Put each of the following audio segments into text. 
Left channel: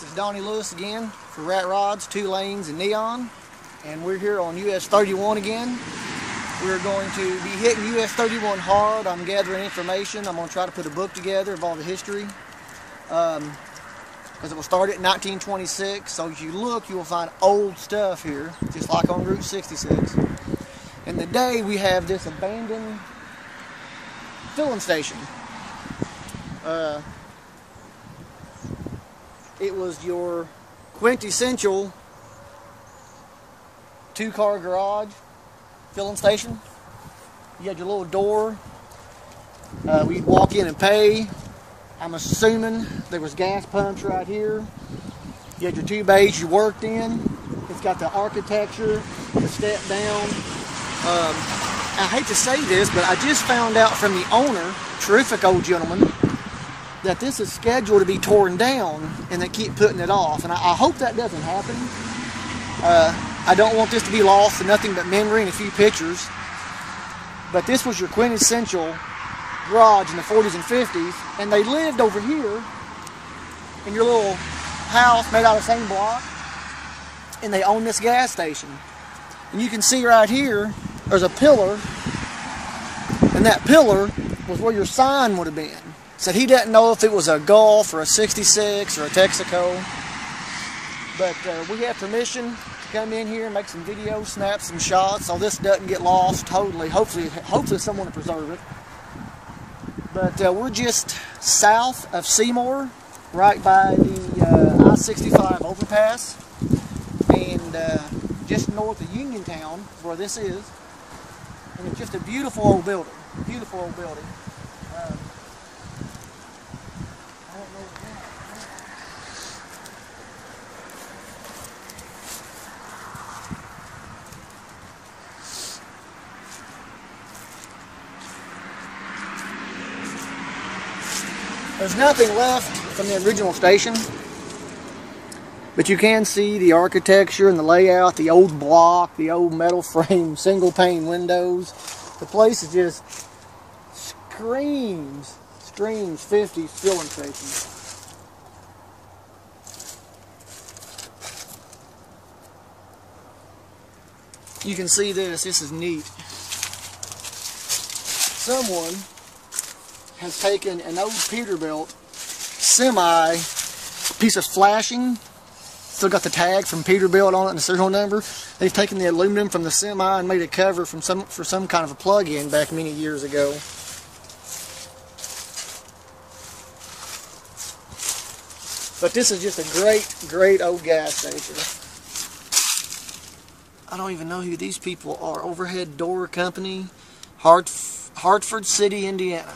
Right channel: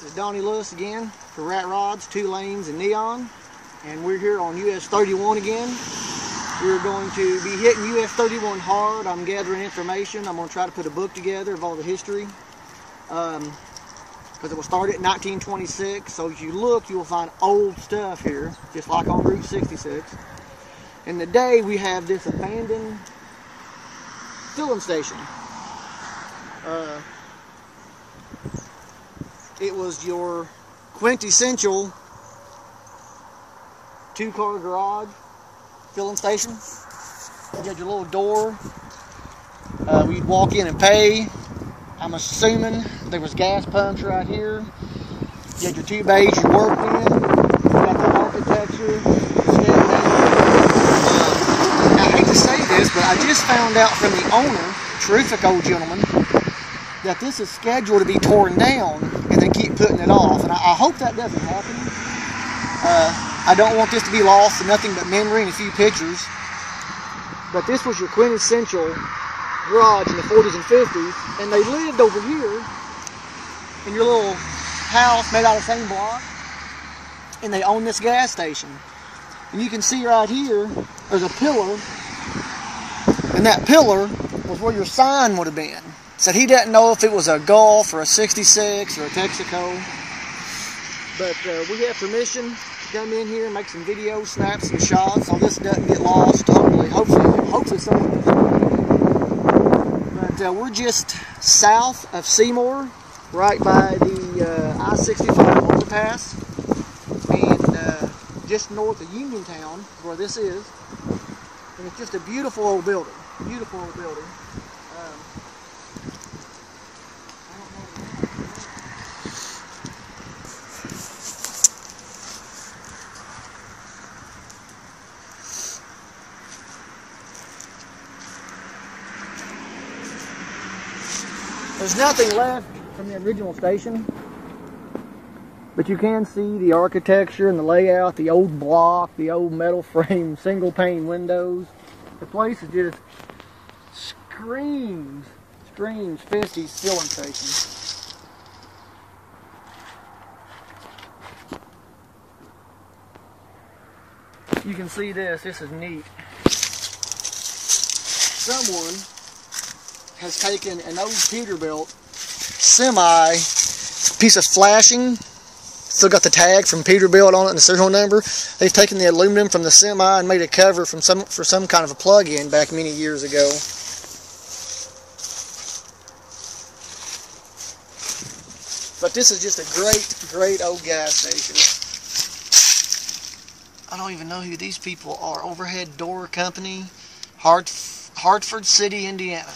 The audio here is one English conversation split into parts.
This is Donnie Lewis again for Rat Rods, 2 Lanes, and Neon. And we're here on US 31 again. We're going to be hitting US 31 hard. I'm gathering information. I'm going to try to put a book together of all the history. Because it will start in 1926. So if you look, you will find old stuff here, just like on Route 66. And today we have this abandoned filling station. It was your quintessential 2-car garage filling station. You had your little door. We'd walk in and pay. I'm assuming there was gas pumps right here. You had your 2 bays you worked in. You've got the architecture. Step down. I hate to say this, but I just found out from the owner, terrific old gentleman, that this is scheduled to be torn down and they keep putting it off. And I hope that doesn't happen. I don't want this to be lost to nothing but memory and a few pictures. But this was your quintessential garage in the 40s and 50s, and they lived over here in your little house made out of the same block, and they own this gas station. And you can see right here, there's a pillar, and that pillar was where your sign would have been. So he didn't know if it was a Gulf or a 66 or a Texaco, but we have permission to come in here and make some videos, snap some shots, so this doesn't get lost totally. Hopefully someone will see it. But we're just south of Seymour, right by the I-65 overpass, and just north of Uniontown, where this is. And it's just a beautiful old building. Beautiful old building. There's nothing left from the original station, but you can see the architecture and the layout, the old block, the old metal frame, single pane windows. The place just screams 50s filling station. You can see this is neat. Someone has taken an old Peterbilt semi piece of flashing, still got the tag from Peterbilt on it and the serial number. They've taken the aluminum from the semi and made a cover for some kind of a plug-in back many years ago. But this is just a great old gas station. I don't even know who these people are. Overhead Door Company, Hartford City, Indiana.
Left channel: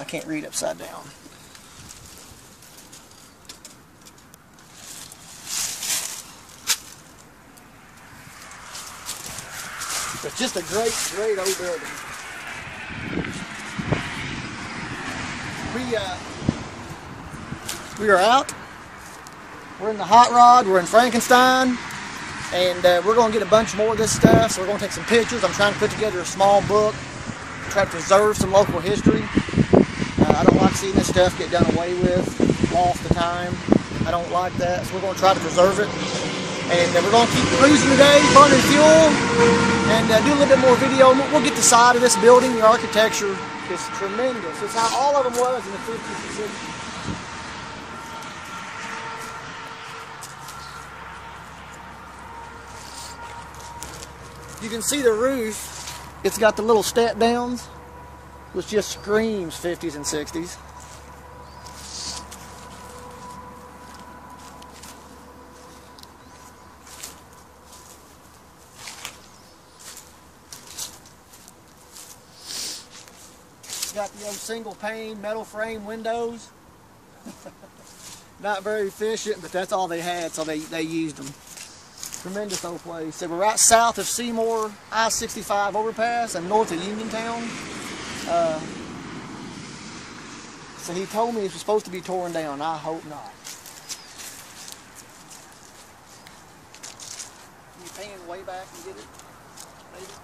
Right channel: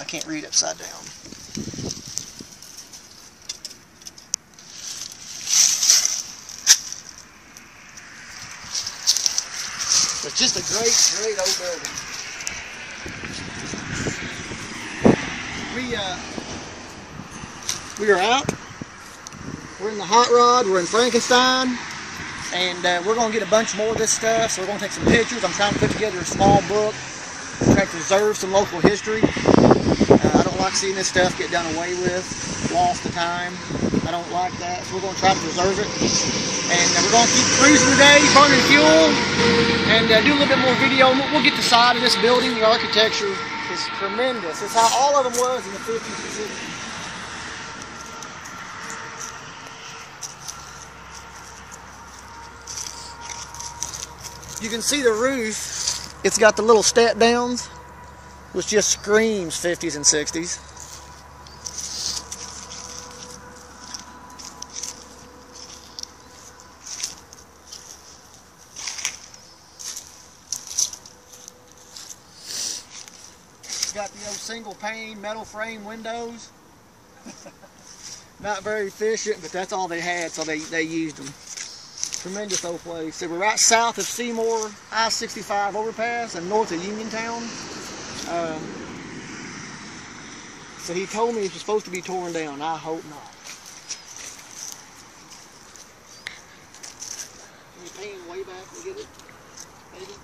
I can't read upside down. It's just a great old building. We are out. We're in the Hot Rod. We're in Frankenstein. And we're going to get a bunch more of this stuff. So we're going to take some pictures. I'm trying to put together a small book. Try to preserve some local history. I don't like seeing this stuff get done away with, lost to time. I don't like that, so we're going to try to preserve it. And we're going to keep producing today, running fuel, and do a little bit more video. We'll get the side of this building. The architecture is tremendous. It's how all of them was in the 50s and 60s. You can see the roof. It's got the little step downs, which just screams 50s and 60s. It's got those single pane metal frame windows. Not very efficient, but that's all they had, so they used them. Tremendous old place. So we're right south of Seymour, I-65 overpass, and north of Uniontown. So he told me it's supposed to be torn down. I hope not. You paying way back to get it, maybe?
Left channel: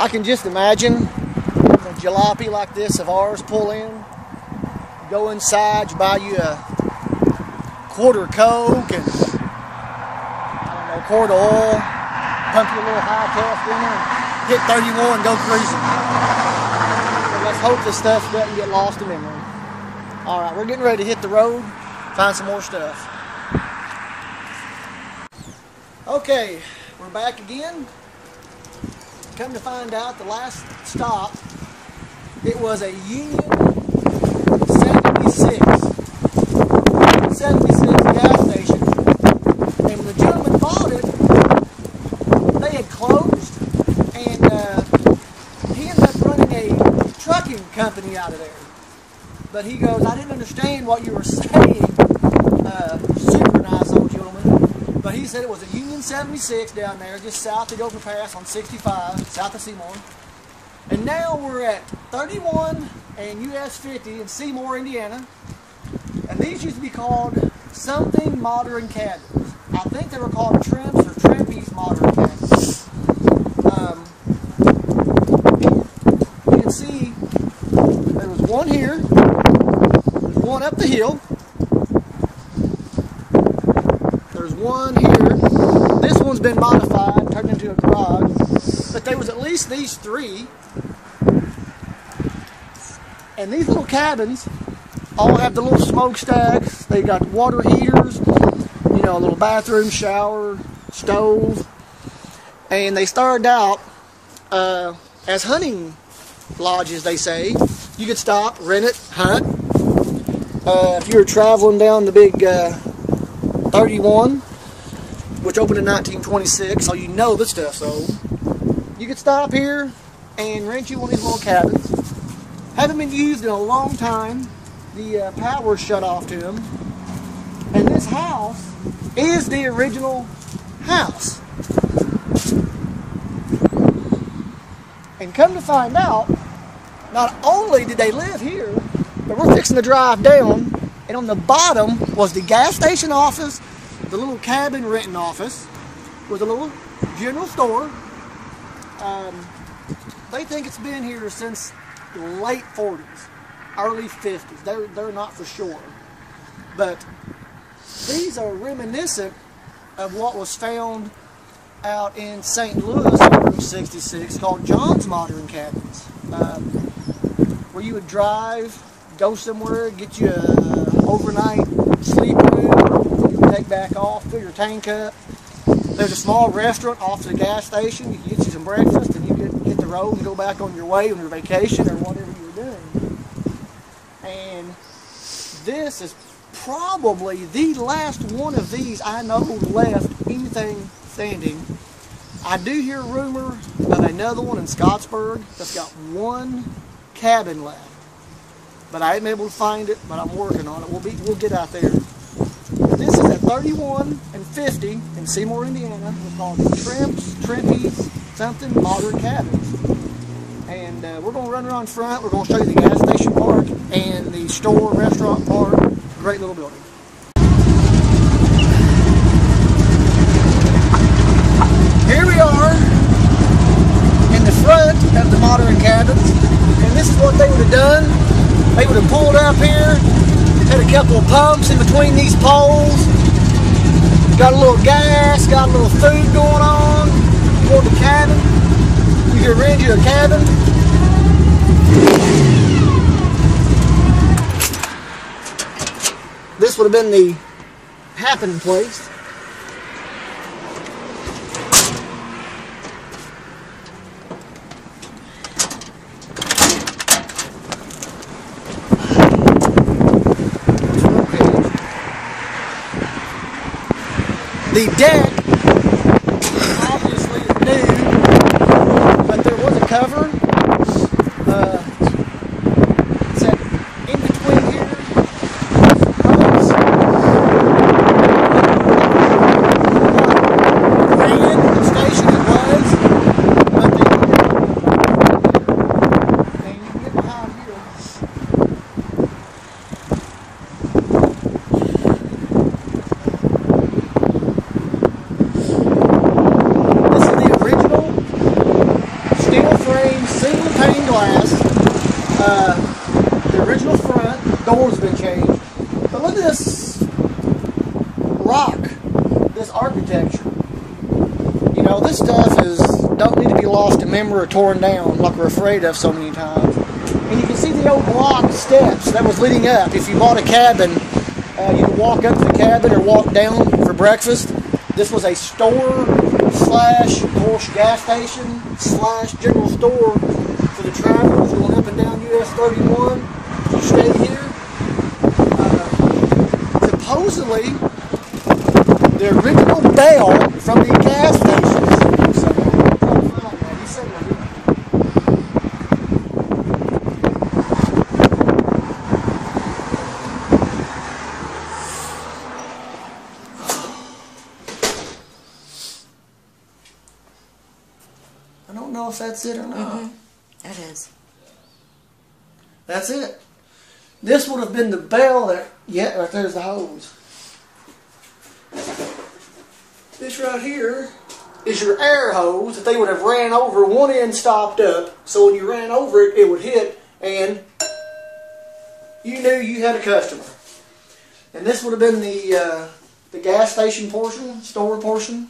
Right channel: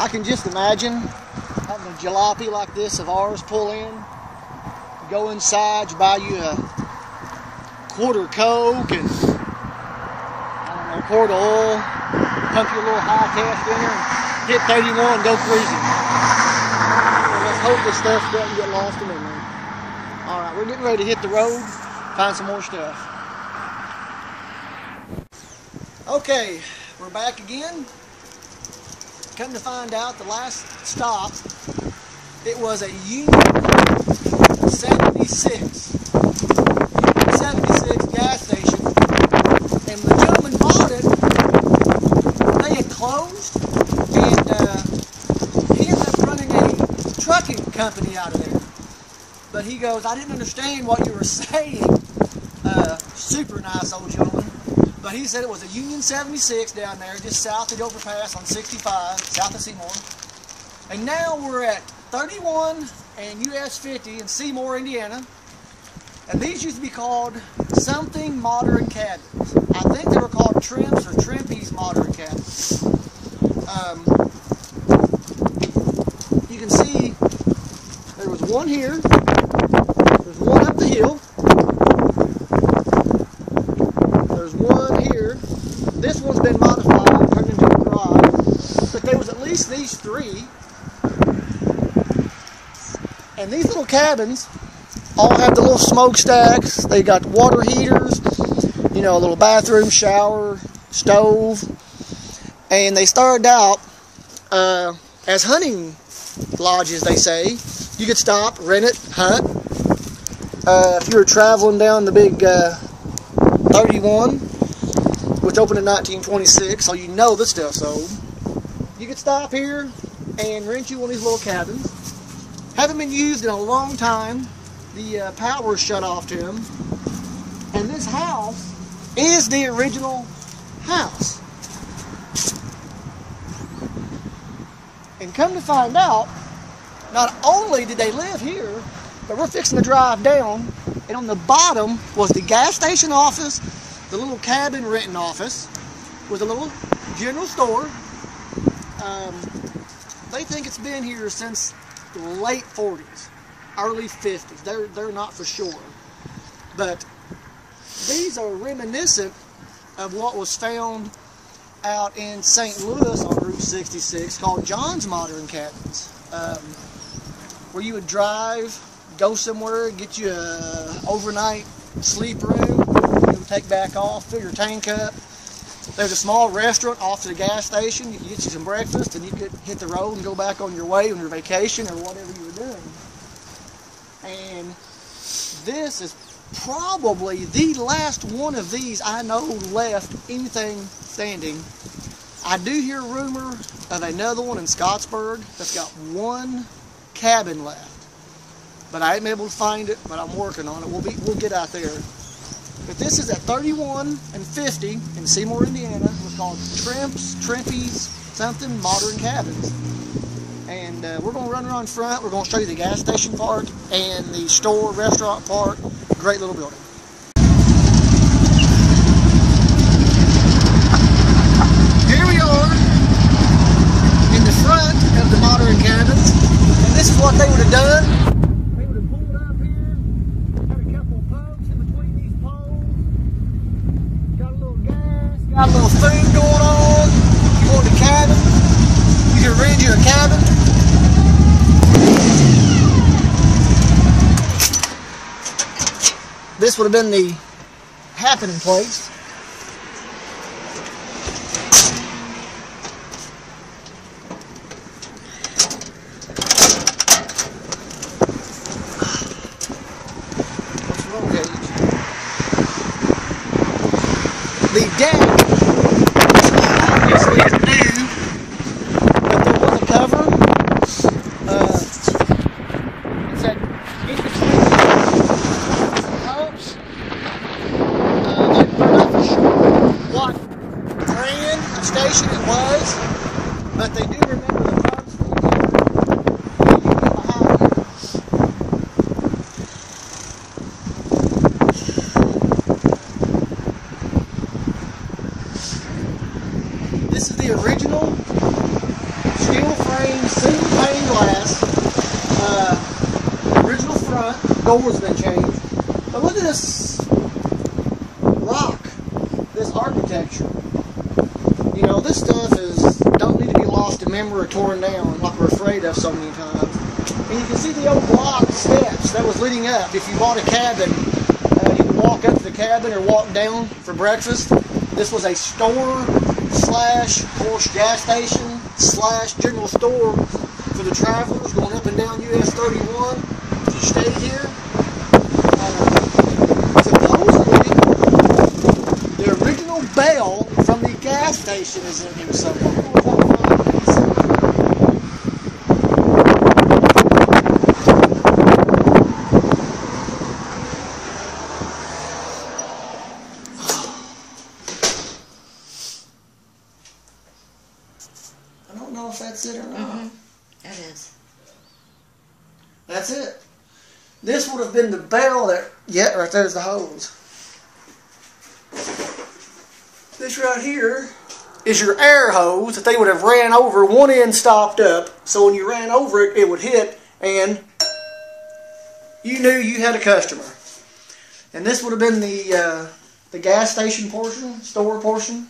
I can just imagine a jalopy like this of ours pull in, go inside, you buy you a quarter Coke and a quart of oil, pump your little high cast in here, hit 31 and go cruising. So let's hope this stuff doesn't get lost in memory. Alright, we're getting ready to hit the road, find some more stuff. Okay, we're back again. Come to find out, the last stop, it was a Union 76 gas station. And the gentleman bought it, they had closed, and he was running a trucking company out of there. But he goes, I didn't understand what you were saying. Super nice old gentleman. But he said it was a Union 76 down there, just south of the overpass on 65, south of Seymour. And now we're at 31 and US 50 in Seymour, Indiana. And these used to be called something modern cabins. I think they were called Trimps or Trimpies modern cabins. You can see there was one here, there's one up the hill, there's one here. This one's been modified, turned into a garage, but there was at least these three. And these little cabins all have the little smokestacks. They got water heaters, you know, a little bathroom, shower, stove. And they started out as hunting lodges, they say. You could stop, rent it, hunt. If you were traveling down the big 31, which opened in 1926, so you know this stuff's old. You could stop here and rent you one of these little cabins. Haven't been used in a long time. The power shut off to them. And this house is the original house. And come to find out, not only did they live here, but we're fixing to drive down, and on the bottom was the gas station office, the little cabin renting office, with a little general store. They think it's been here since the late 40s, early 50s. They're not for sure. But these are reminiscent of what was found out in St. Louis on Route 66 called John's Modern Cabins, where you would drive, go somewhere, get you an overnight sleeper, you would take back off, fill your tank up. There's a small restaurant off the gas station. You get you some breakfast and you could hit the road and go back on your way on your vacation or whatever you're doing. And this is probably the last one of these I know who left anything standing. I do hear a rumor of another one in Scottsburg that's got one cabin left. But I ain't able to find it, but I'm working on it. We'll get out there. This is at 31 and 50 in Seymour, Indiana. We're called Trimps, Trimpies, something modern cabins. And we're going to run around front. We're going to show you the gas station part and the store, restaurant part. Great little building. Here we are in the front of the modern cabins. And this is what they would have done. They would have pulled up here, had a couple of pumps in between these poles, got a little gas, got a little food going on. You want the cabin, you could rent you a cabin. This would have been the happening place. The deck obviously is new, but there was a cover. It's in between The original front door's been changed. But look at this rock, this architecture. You know, this stuff don't need to be lost to memory or torn down like we're afraid of so many times. And you can see the old block steps that was leading up. If you bought a cabin, you could walk up to the cabin or walk down for breakfast. This was a store slash, of course, gas station slash general store for the travelers going up and down US 31. You stay here. Supposedly, the original bell from the gas station is I don't know if that's it or not. It is. That's it. This would have been the bell that, yeah, right there's the hose. This right here is your air hose that they would have ran over. One end stopped up, so when you ran over it, it would hit, and you knew you had a customer. And this would have been the gas station portion, store portion.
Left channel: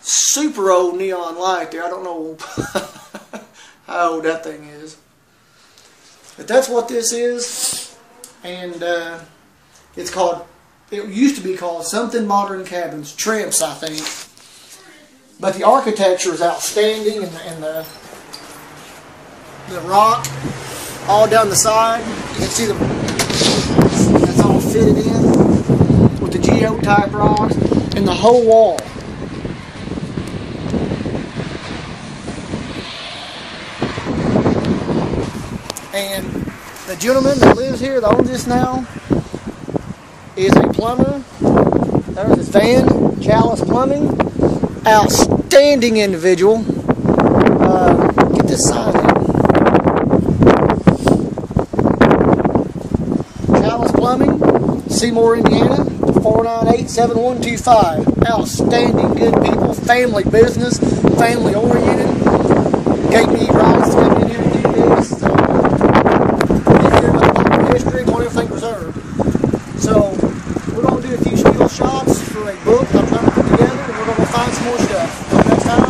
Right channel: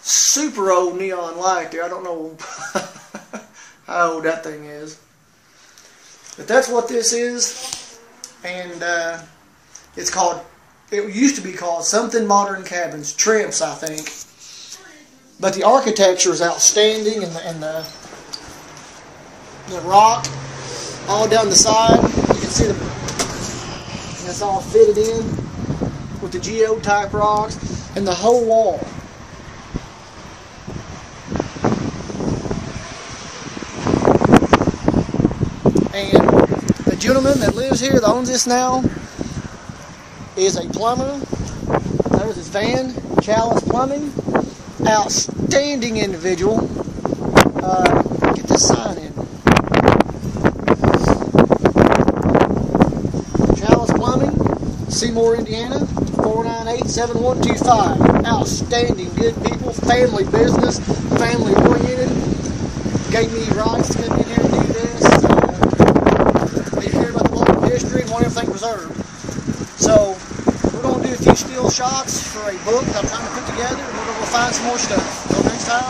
Super old neon light there. I don't know how old that thing is. But that's what this is. And it's called, it used to be called Something Modern Cabins. Trips, I think. But the architecture is outstanding, and the rock all down the side. You can see it's all fitted in with the geotype rocks, and the whole wall. Now is a plumber. There's his van, Chalice Plumbing. Outstanding individual. Get this sign in. Chalice Plumbing, Seymour, Indiana, 498-7125. Outstanding, good people, family business, family oriented. Gave me rights to come in here and do this. So, we're going to do a few skill shots for a book I'm trying to put together, and we're going to find some more stuff. Next time.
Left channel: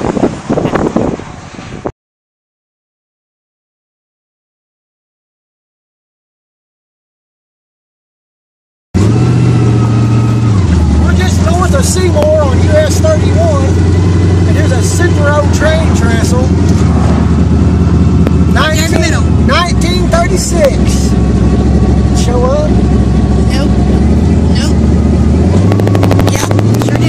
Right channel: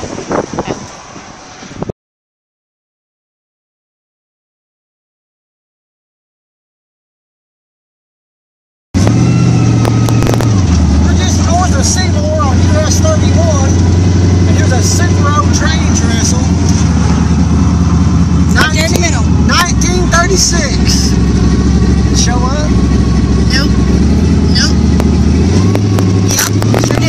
We're just north of Seymour on US 31, and there's a super old train trestle. 1936. Show up? Nope. Nope. Yep, sure did.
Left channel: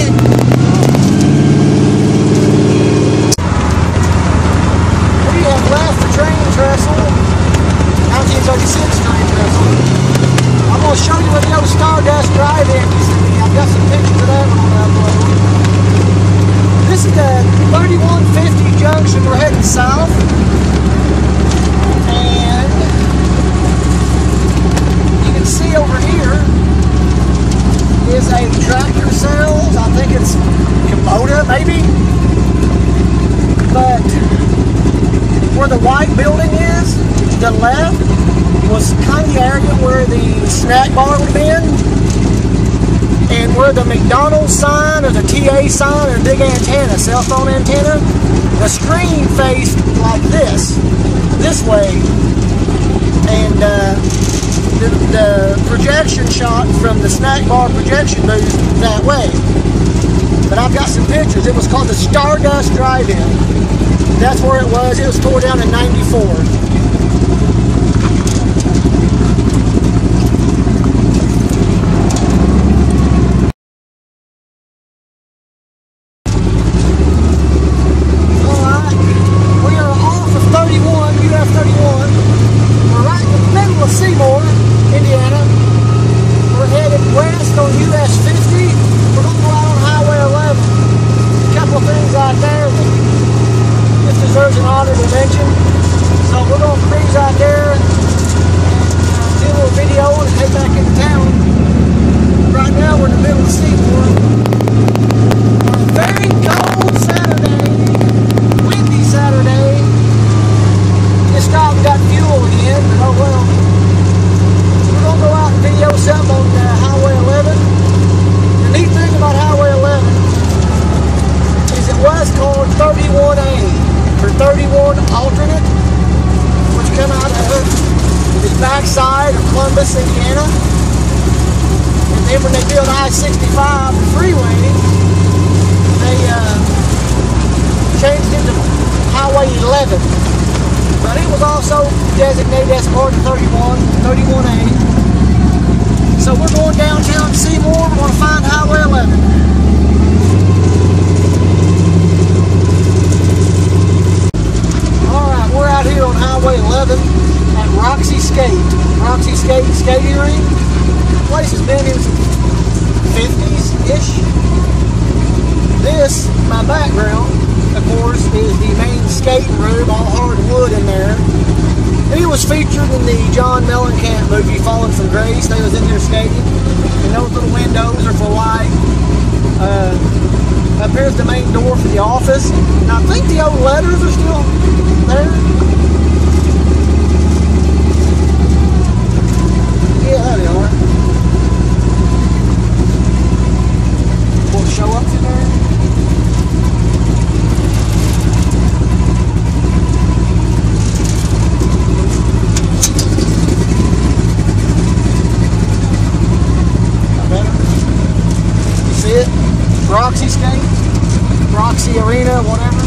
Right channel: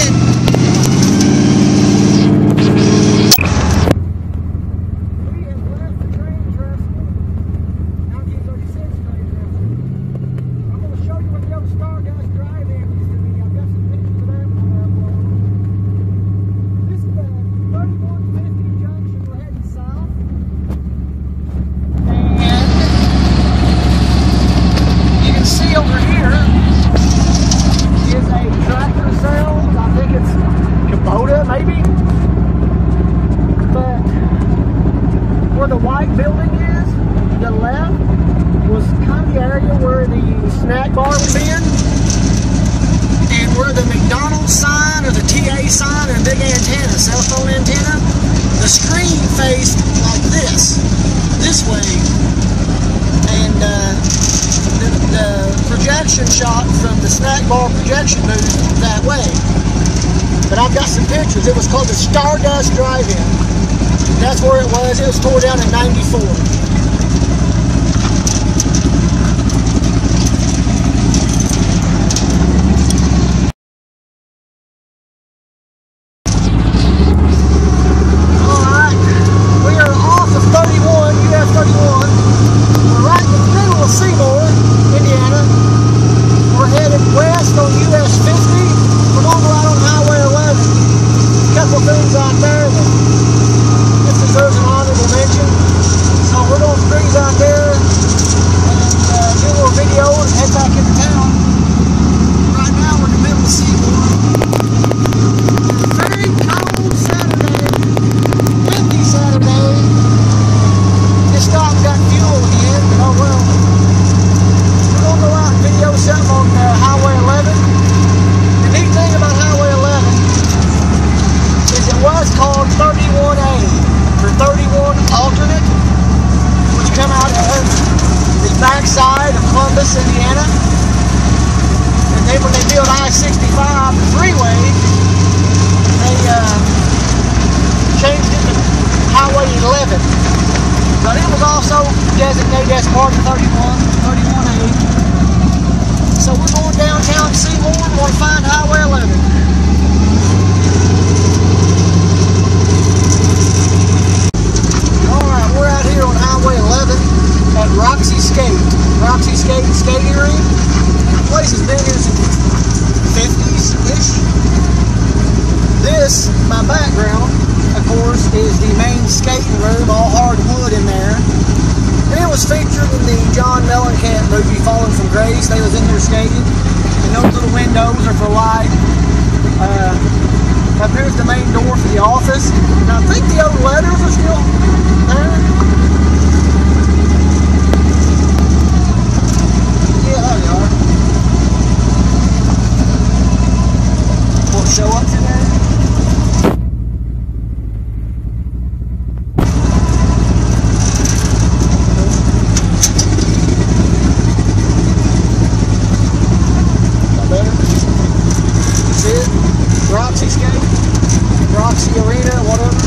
What do you have left? The train trestle. 1936 train trestle. I'm going to show you where the old Stardust Drive-In used to be. I've got some pictures of that one on that upload. This is the 3150 junction. We're heading south. See over here is a tractor sales. I think it's Kubota, maybe. But where the white building is, to the left, was kind of the area where the snack bar would have been. And where the McDonald's sign or the TA sign or big antenna, cell phone antenna, the screen faced like this way. And the projection shot from the snack bar projection booth that way. But I've got some pictures. It was called the Stardust Drive-In. That's where it was. It was tore down in '94. Alright, we are off of 31, US 31. We're right in the middle of Seymour, Indiana. We're headed west on US 50. We're going to go out on Highway 11. A couple things out there that just deserves an honor to mention. So we're going to cruise out there and do a little video and head back into town. Right now we're in the middle of Seymour. A very cold Saturday, windy Saturday. just stopped and got fuel again. Oh well. We're going to go out and video something on Highway 11. The neat thing about Highway 11 is it was called 31A, or 31 alternate, which come out of the backside of Columbus, Indiana. And then when they built I-65, the freeway, they changed it to Highway 11. But it was also designated as part of 31A. So we're going downtown to see more. We're going to find Highway 11. Alright, we're out here on Highway 11 at Rok-sey Skating Rink. The place has been here since the 50s-ish. This, my background, of course, is the main skating room, all hard wood in there. And it was featured in the John Mellencamp movie, Falling from Grace. They was in there skating. And those little windows are for light. Up here's the main door for the office. And I think the old letters are still there. Yeah, there they are. Want to show up through there? Better. See it? Rok-sey skate, Rok-sey Arena, whatever.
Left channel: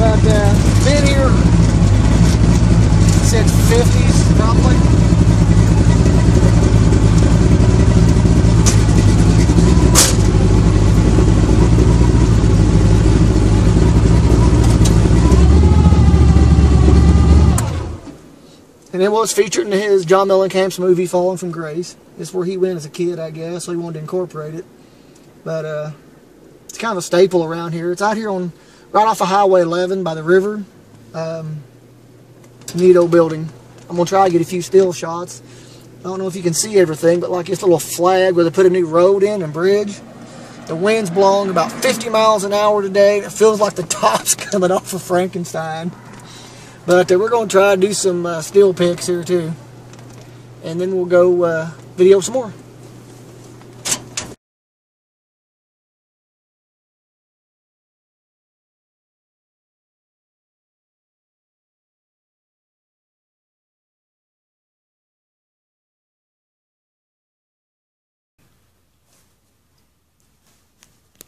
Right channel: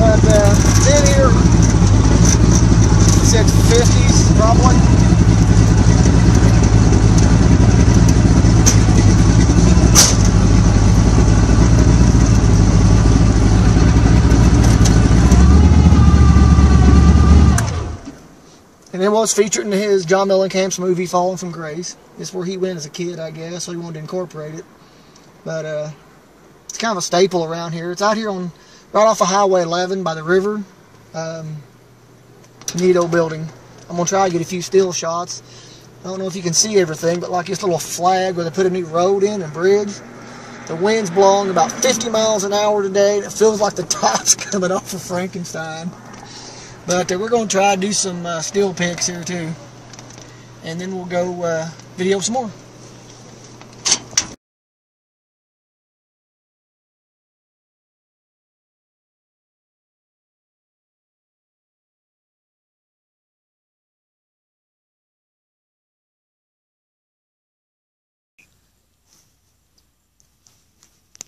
But been here since the 50s, probably. And it was featured in his John Mellencamp's movie, Falling from Grace. It's where he went as a kid, I guess, so he wanted to incorporate it. But it's kind of a staple around here. It's out here on right off of Highway 11 by the river. Neat old building. I'm going to try to get a few still shots. I don't know if you can see everything, but like this little flag where they put a new road in and bridge. The wind's blowing about 50 miles an hour today. It feels like the top's coming off of Frankenstein. But we're going to try to do some still pics here too. And then we'll go video some more.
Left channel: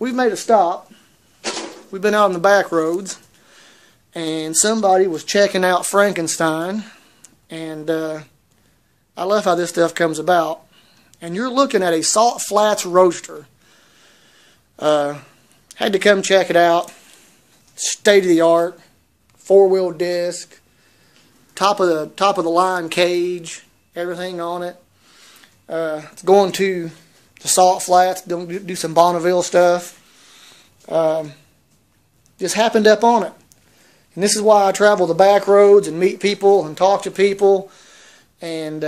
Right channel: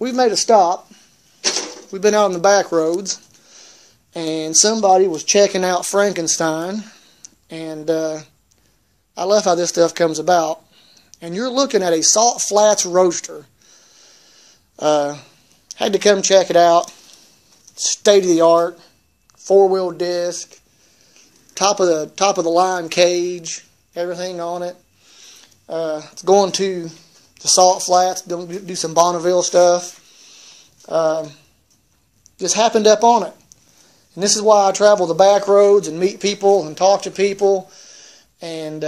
We've made a stop. We've been out on the back roads, and somebody was checking out Frankenstein, and I love how this stuff comes about. And you're looking at a salt flats roaster. Had to come check it out. State of the art, 4-wheel disc, top of the line cage, everything on it. It's going to the salt flats, do some Bonneville stuff. Just happened up on it. And this is why I travel the back roads and meet people and talk to people. And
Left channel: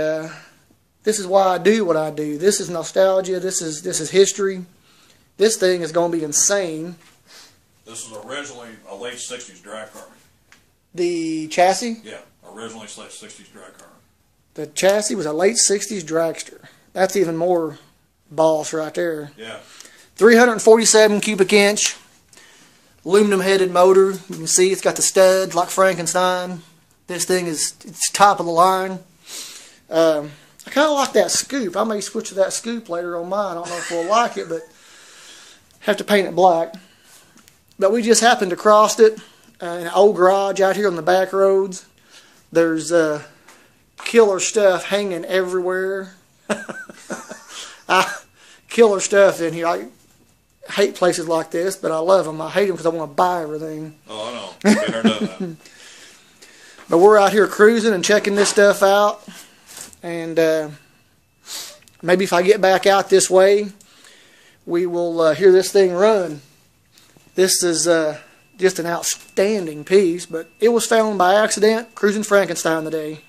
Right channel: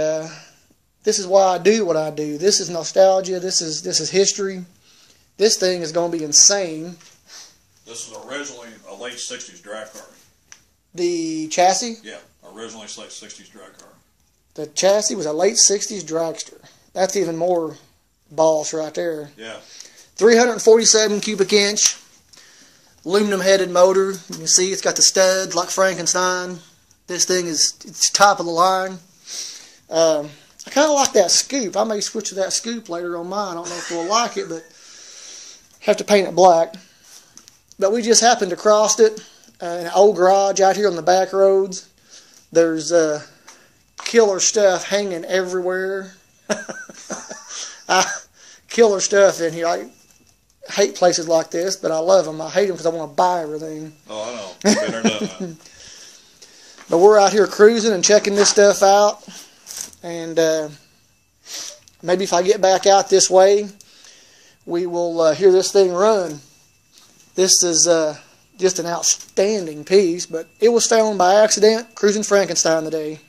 this is why I do what I do. This is nostalgia. This is history. This thing is going to be insane. This was originally a late 60s drag car. The chassis? Yeah, originally late 60s drag car. The chassis was a late 60s dragster. That's even more boss right there. Yeah. 347 cubic inch, aluminum headed motor. You can see it's got the studs like Frankenstein. This thing is it's top of the line. Kind of like that scoop. I may switch to that scoop later on mine. I don't know if we'll like it, but have to paint it black. But we just happened to cross it. Old garage out here on the back roads. There's killer stuff hanging everywhere. Killer stuff in here. I hate places like this, but I love them. I hate them because I want to buy everything. Oh, I know. Been there, done that. But we're out here cruising and checking this stuff out. And maybe if I get back out this way, we will hear this thing run. This is just an outstanding piece, but it was found by accident cruising Frankenstein today.